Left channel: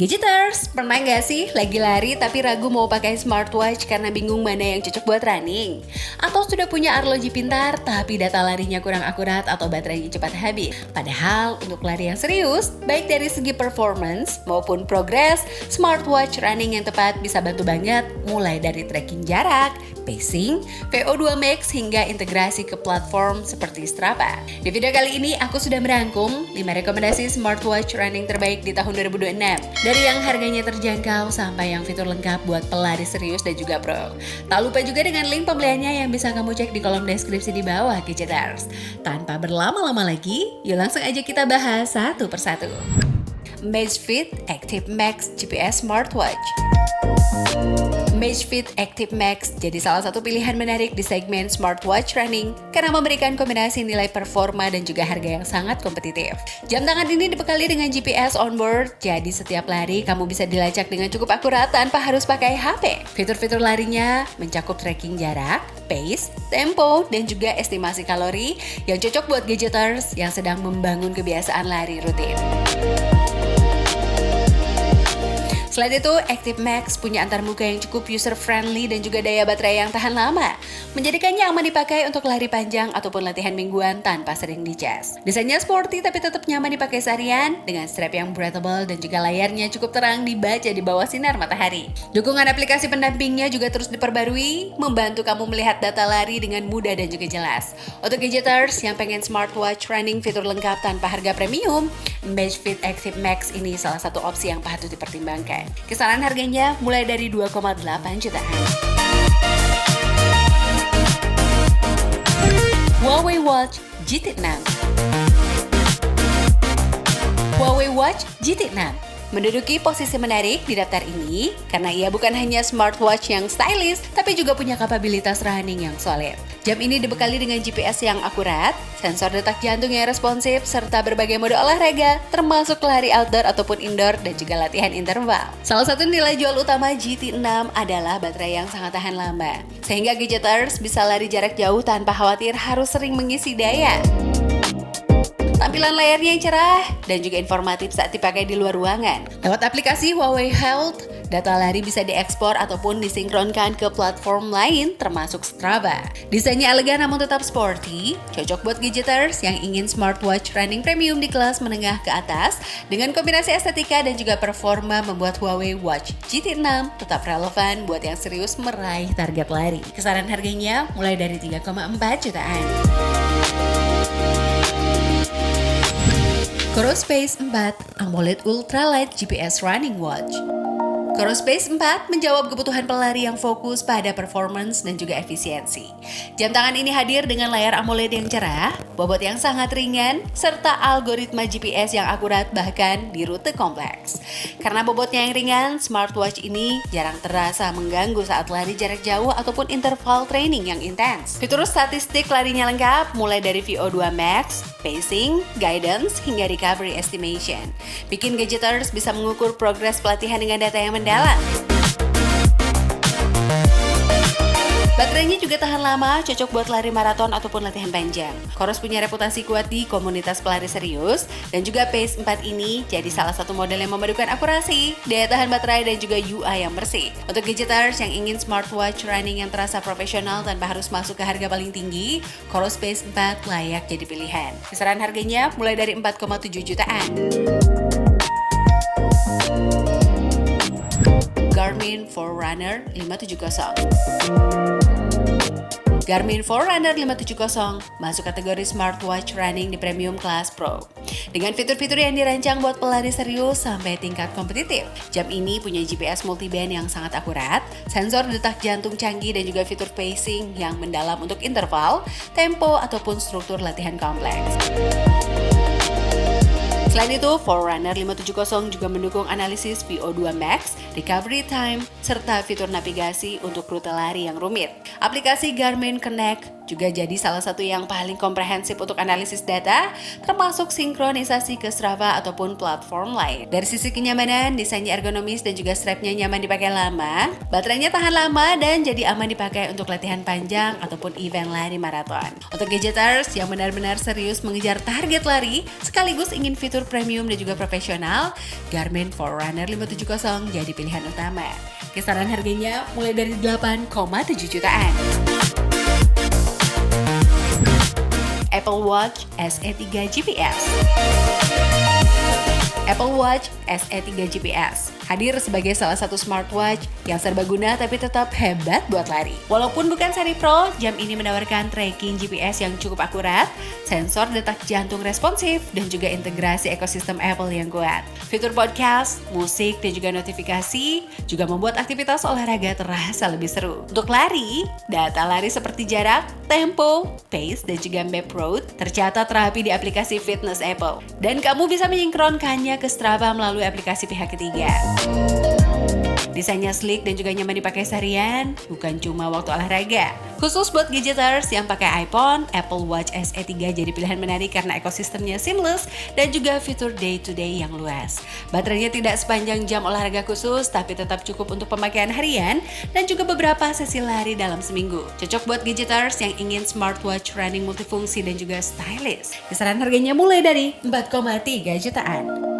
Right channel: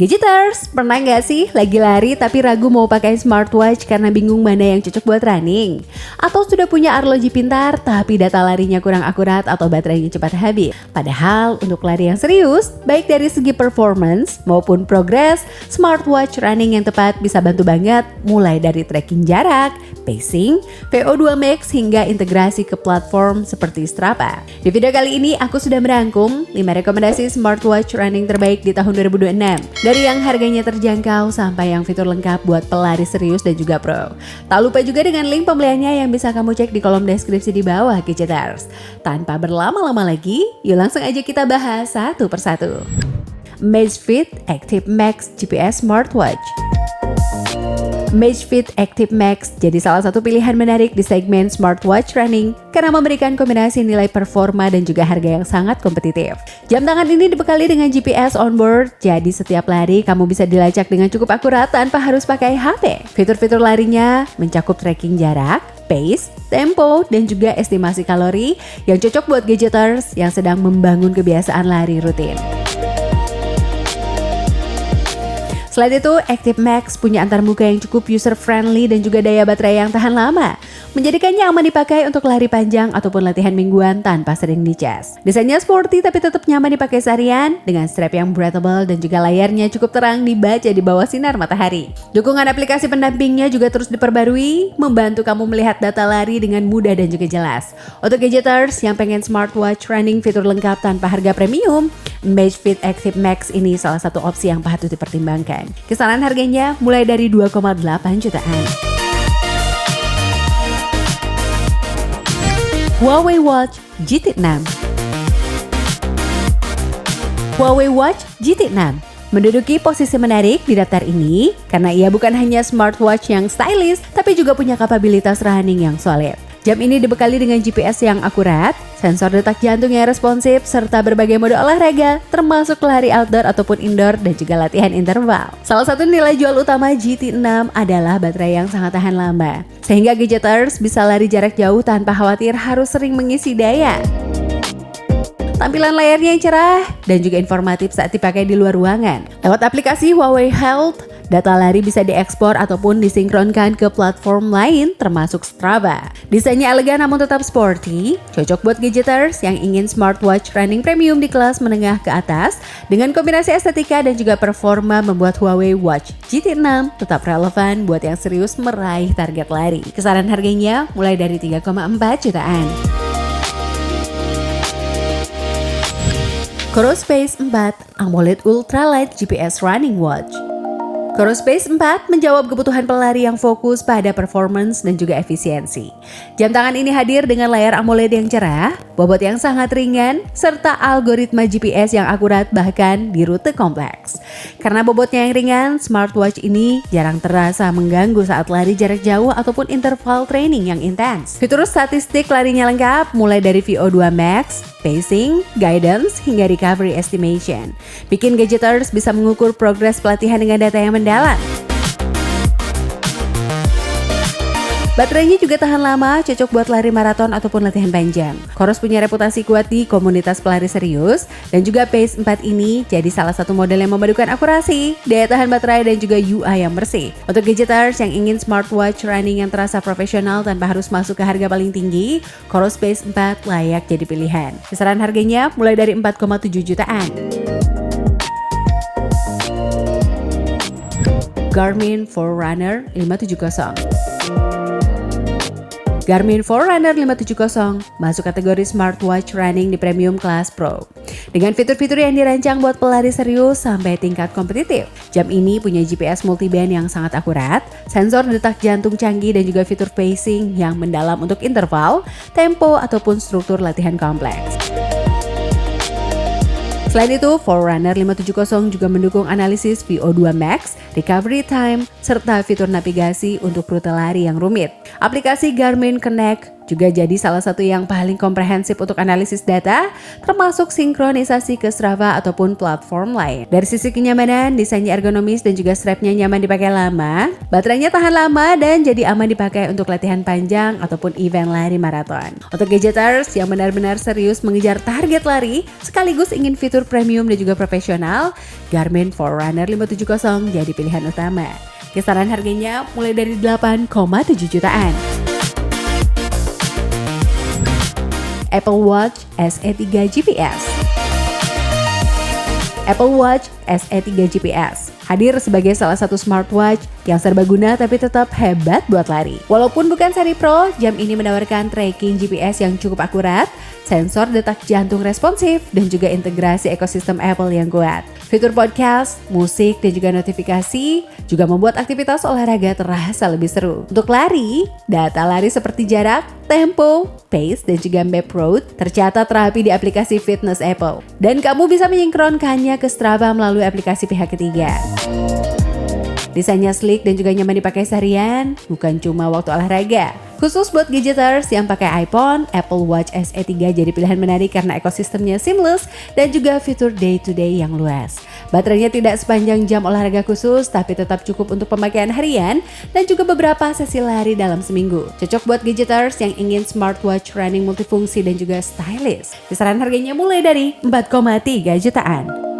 Gadgeters, pernah nggak sih lagi lari tapi ragu mau pakai smartwatch karena bingung mana yang cocok buat running? Atau sudah punya arloji pintar tapi data larinya kurang akurat atau baterainya cepat habis? Padahal untuk lari yang serius, baik dari segi performance maupun progress, smartwatch running yang tepat bisa bantu banget mulai dari tracking jarak, pacing, VO2 max hingga integrasi ke platform seperti Strava. Di video kali ini aku sudah merangkum 5 rekomendasi smartwatch running terbaik di tahun 2026. Dari yang harganya terjangkau sampai yang fitur lengkap buat pelari serius dan juga pro. Tak lupa juga dengan link pembeliannya yang bisa kamu cek di kolom deskripsi di bawah Gadgeters. Tanpa berlama-lama lagi, yuk langsung aja kita bahas satu persatu. Amazfit Active Max GPS Smartwatch. Amazfit Active Max jadi salah satu pilihan menarik di segmen smartwatch running karena memberikan kombinasi nilai performa dan juga harga yang sangat kompetitif. Jam tangan ini dibekali dengan GPS onboard, jadi setiap lari kamu bisa dilacak dengan cukup akurat tanpa harus pakai HP. Fitur-fitur larinya mencakup tracking jarak, pace, tempo, dan juga estimasi kalori yang cocok buat gadgeters yang sedang membangun kebiasaan lari rutin. Selain itu, Active Max punya antarmuka yang cukup user-friendly dan juga daya baterai yang tahan lama, menjadikannya aman dipakai untuk lari panjang ataupun latihan mingguan tanpa sering dicas. Desainnya sporty tapi tetap nyaman dipakai seharian, dengan strap yang breathable dan juga layarnya cukup terang dibaca di bawah sinar matahari. Dukungan aplikasi pendampingnya juga terus diperbarui, membantu kamu melihat data lari dengan mudah dan juga jelas. Untuk gadgeters yang pengen smartwatch running fitur lengkap tanpa harga premium, Amazfit Active Max ini salah satu opsi yang patut dipertimbangkan. Kisaran harganya mulai dari 2,8 jutaan. Huawei Watch GT6. Huawei Watch GT6 menduduki posisi menarik di daftar ini karena ia bukan hanya smartwatch yang stylish, tapi juga punya kapabilitas running yang solid. Jam ini dibekali dengan GPS yang akurat, sensor detak jantung yang responsif, serta berbagai mode olahraga, termasuk lari outdoor ataupun indoor dan juga latihan interval. Salah satu nilai jual utama GT6 adalah baterai yang sangat tahan lama, sehingga gadgeters bisa lari jarak jauh tanpa khawatir harus sering mengisi daya. Tampilan layarnya yang cerah dan juga informatif saat dipakai di luar ruangan. Lewat aplikasi Huawei Health, data lari bisa diekspor ataupun disinkronkan ke platform lain termasuk Strava. Desainnya elegan namun tetap sporty, cocok buat gadgeters yang ingin smartwatch running premium di kelas menengah ke atas. Dengan kombinasi estetika dan juga performa membuat Huawei Watch GT6 tetap relevan buat yang serius meraih target lari. Kisaran harganya mulai dari 3,4 jutaan. Corospace 4 AMOLED Ultralight GPS Running Watch. Corospace 4 menjawab kebutuhan pelari yang fokus pada performance dan juga efisiensi. Jam tangan ini hadir dengan layar AMOLED yang cerah, bobot yang sangat ringan, serta algoritma GPS yang akurat bahkan di rute kompleks. Karena bobotnya yang ringan, smartwatch ini jarang terasa mengganggu saat lari jarak jauh ataupun interval training yang intens. Fitur statistik larinya lengkap, mulai dari VO2 max, pacing, guidance, hingga recovery estimation. Bikin gadgeters bisa mengukur progres pelatihan dengan data yang mendalam. Baterainya juga tahan lama, cocok buat lari maraton ataupun latihan panjang. Coros punya reputasi kuat di komunitas pelari serius, dan juga Pace 4 ini jadi salah satu model yang memadukan akurasi, daya tahan baterai, dan juga UI yang bersih. Untuk gadgeters yang ingin smartwatch running yang terasa profesional tanpa harus masuk ke harga paling tinggi, Coros Pace 4 layak jadi pilihan. Kisaran harganya mulai dari 4,7 jutaan. Garmin Forerunner 570. Garmin Forerunner 570 masuk kategori smartwatch running di premium kelas pro. Dengan fitur-fitur yang dirancang buat pelari serius sampai tingkat kompetitif. Jam ini punya GPS multiband yang sangat akurat, sensor detak jantung canggih dan juga fitur pacing yang mendalam untuk interval, tempo ataupun struktur latihan kompleks. Selain itu, Forerunner 570 juga mendukung analisis VO2 max, recovery time, serta fitur navigasi untuk rute lari yang rumit. Aplikasi Garmin Connect juga jadi salah satu yang paling komprehensif untuk analisis data, termasuk sinkronisasi ke Strava ataupun platform lain. Dari sisi kenyamanan, desainnya ergonomis dan juga strapnya nyaman dipakai lama, baterainya tahan lama dan jadi aman dipakai untuk latihan panjang ataupun event lari maraton. Untuk gadgeters yang benar-benar serius mengejar target lari, sekaligus ingin fitur premium dan juga profesional, Garmin Forerunner 570 jadi pilihan utama. Kisaran harganya mulai dari 8,7 jutaan. Apple Watch SE 3 GPS. Apple Watch SE 3 GPS hadir sebagai salah satu smartwatch yang serbaguna tapi tetap hebat buat lari. Walaupun bukan seri Pro, jam ini menawarkan tracking GPS yang cukup akurat, sensor detak jantung responsif, dan juga integrasi ekosistem Apple yang kuat. Fitur podcast, musik, dan juga notifikasi juga membuat aktivitas olahraga terasa lebih seru. Untuk lari, data lari seperti jarak, tempo, pace, dan juga map road tercatat rapi di aplikasi fitness Apple. Dan kamu bisa menyinkronkannya ke Strava melalui aplikasi pihak ketiga. Desainnya sleek dan juga nyaman dipakai seharian, bukan cuma waktu olahraga. Khusus buat gadgeters yang pakai iPhone, Apple Watch SE 3 jadi pilihan menarik karena ekosistemnya seamless dan juga fitur day-to-day yang luas. Baterainya tidak sepanjang jam olahraga khusus, tapi tetap cukup untuk pemakaian harian dan juga beberapa sesi lari dalam seminggu. Cocok buat gadgeters yang ingin smartwatch running multifungsi dan juga stylish. Kisaran harganya mulai dari 4,3 jutaan.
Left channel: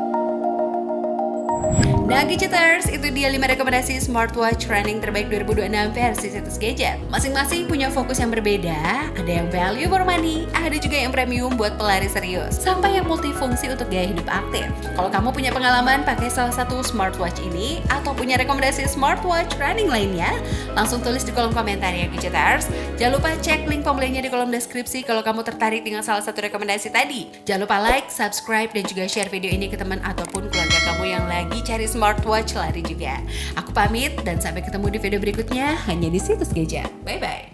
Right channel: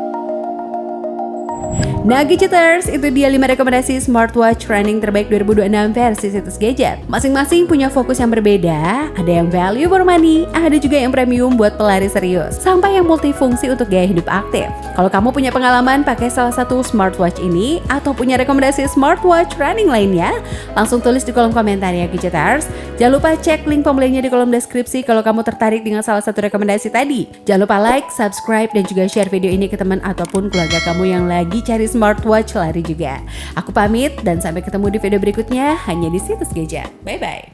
Nah gadgeters, itu dia 5 rekomendasi smartwatch running terbaik 2026 versi situs gadget. Masing-masing punya fokus yang berbeda, ada yang value for money, ada juga yang premium buat pelari serius, sampai yang multifungsi untuk gaya hidup aktif. Kalau kamu punya pengalaman pakai salah satu smartwatch ini, atau punya rekomendasi smartwatch running lainnya, langsung tulis di kolom komentar ya gadgeters. Jangan lupa cek link pembeliannya di kolom deskripsi kalau kamu tertarik dengan salah satu rekomendasi tadi. Jangan lupa like, subscribe, dan juga share video ini ke teman ataupun keluarga kamu yang lagi cari smartwatch lari juga. Aku pamit dan sampai ketemu di video berikutnya hanya di situs gadget. Bye bye.